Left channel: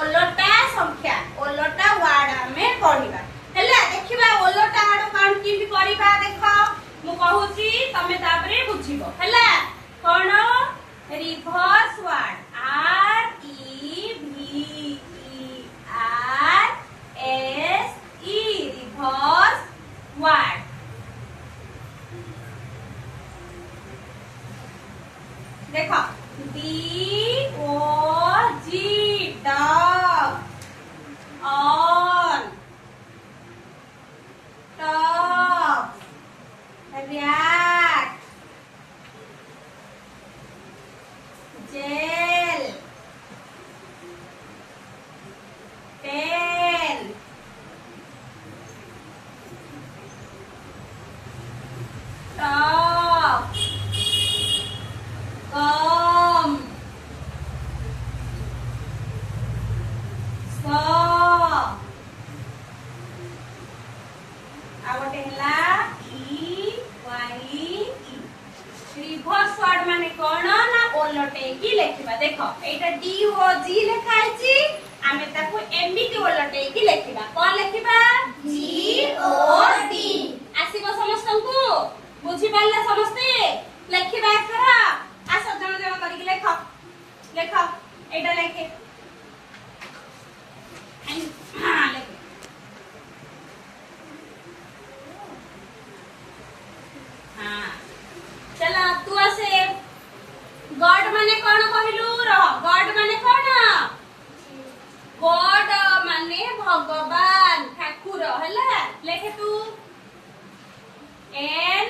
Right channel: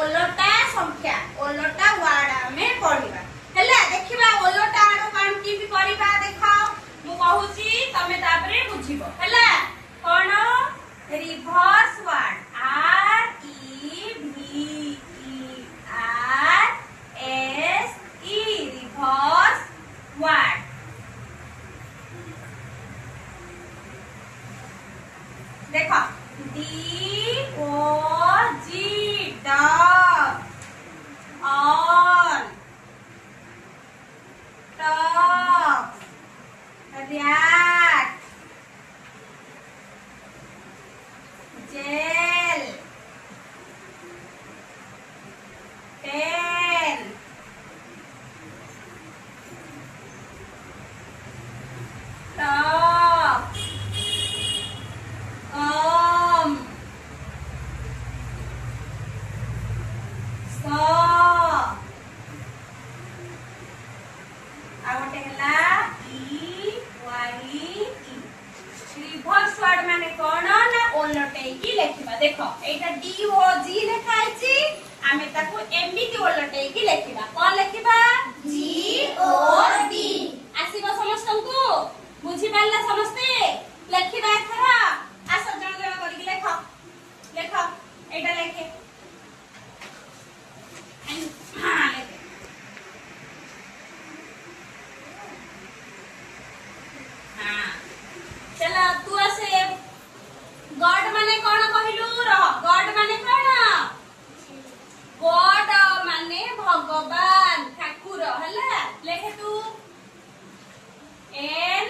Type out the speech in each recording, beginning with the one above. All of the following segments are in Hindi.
ओलटा संख्या ओलटा वार्ड आमे पढिबा हला देखिबा ओलटा आड़ कान की भी करबा देखो मु कहूची तमे तापरे बुझिबो हला कोन reverse word R E V E R S E reverse word देखो D O G dog on top rat gel pen top gum आगोटे हला E Y E reverse word माने कोन ना ओलटे की लेखिबा देखो एटा डी ओ जी लेखाइ छी आमे ताको एमिति ओलटे की लेखिबा कोन लेखिबा जी ओ डी आसीबो समस्तंकु बुझि पाला समस्ते लेखिबा एथरा आसो जण जण करी लेखो लेखो एटा लेखे हां लेखे हां चला तू आसे गॉड माने कोन कहिलु रह गॉड माने कोन गॉड माने भगवान ठाकुर हला लेखे तू एन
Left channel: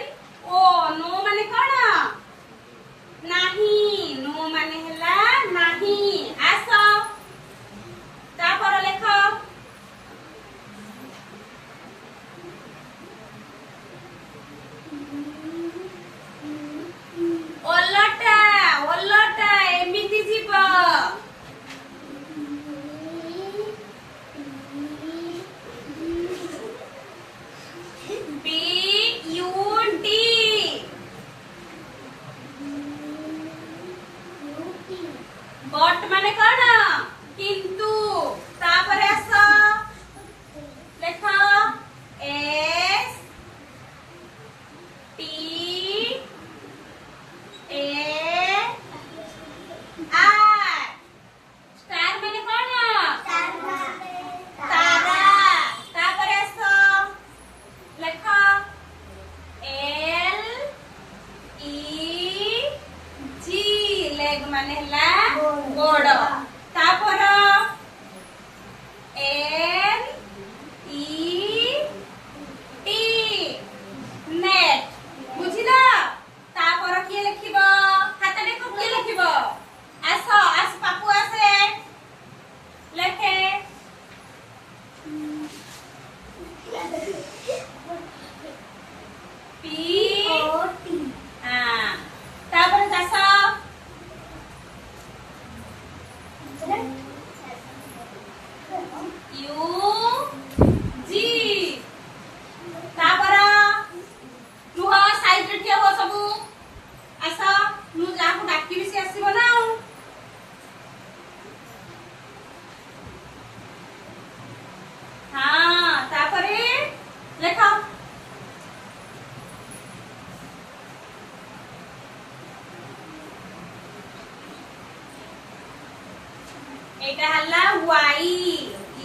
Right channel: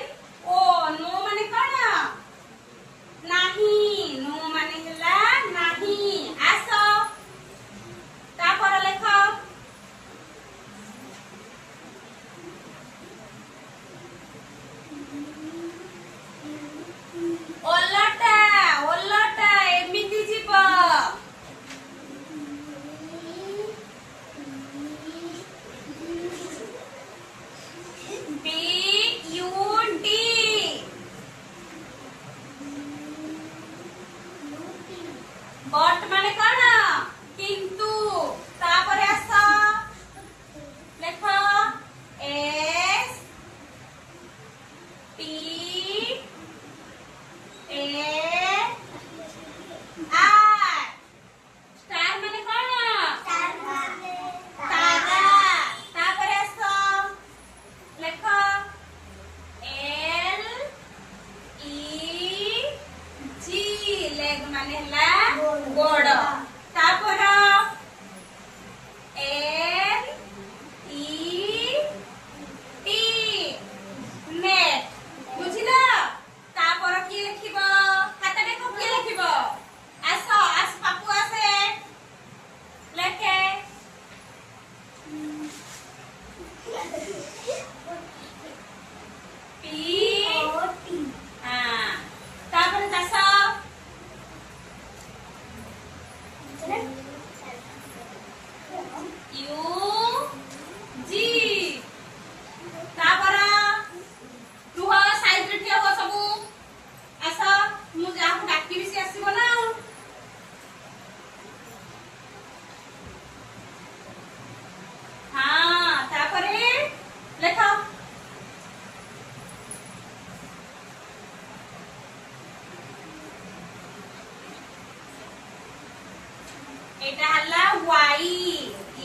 ओ नो माने कोन नाही नो माने हला नाही आसो तापर लेख ओलटा ओलटा एमिति जीव बी यू डी बट माने कोन किंतु तापर आस लेख S T A R star माने कोन तारा तापर आस लेख एल ई जी लेग माने हला गोड़ तापर एन ई टी नेट बुझिला तापर किए लिखिबो खाता देखो किए लिखिबो आस आस पापु आसे लेखे पी ओ टी हां तापर दास यू जी तापर रुह साइड रे ठिया हो सबु आसा मु जाको डाकी बिसी आसीबो ना हां तापरे लेखो एटा हल्ला वाई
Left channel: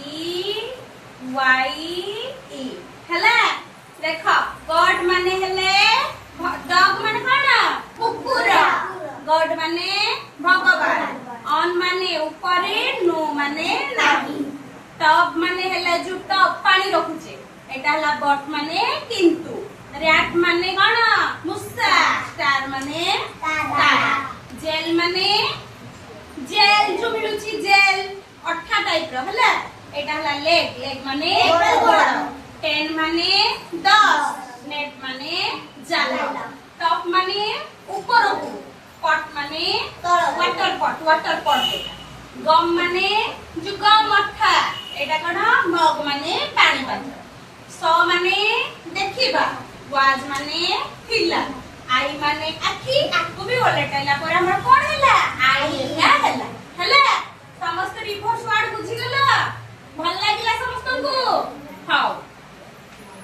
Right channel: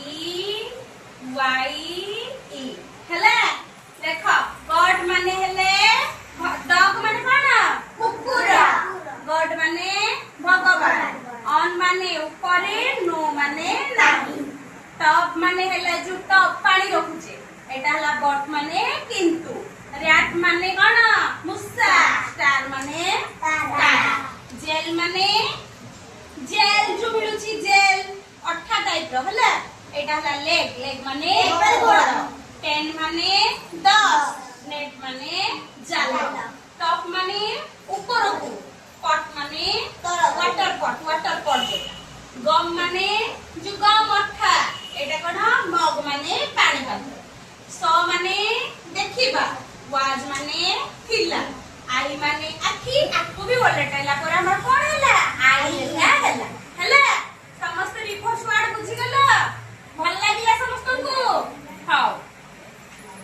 ई वाई ई हला देखो गॉड माने हेले डॉग माने कोन कुकुर गॉड माने भगवान ऑन माने ऊपरे नो माने नाही टॉप माने हेले जो टॉप पानी रखुचे एटा हला बट माने किंतु रैट माने कोन मुसा स्टार माने तारा जेल माने जेल जो मिलुची जेल अठा टाइप रो हला एटा हला लेग लेग माने गोड़ पेन माने 10 नेट माने जाला टॉप माने ऊपर को पॉट माने वाटर पॉट गम माने जो गम अठा एटा कोन मग माने पानी पात्र सो माने देखिबा वाज माने थिला आई माने आखी आको भी ओलटाला पर हमर कोन हला आई हला हला समस्त रिपोर्ट वार्ड ବୁଝିଗଲ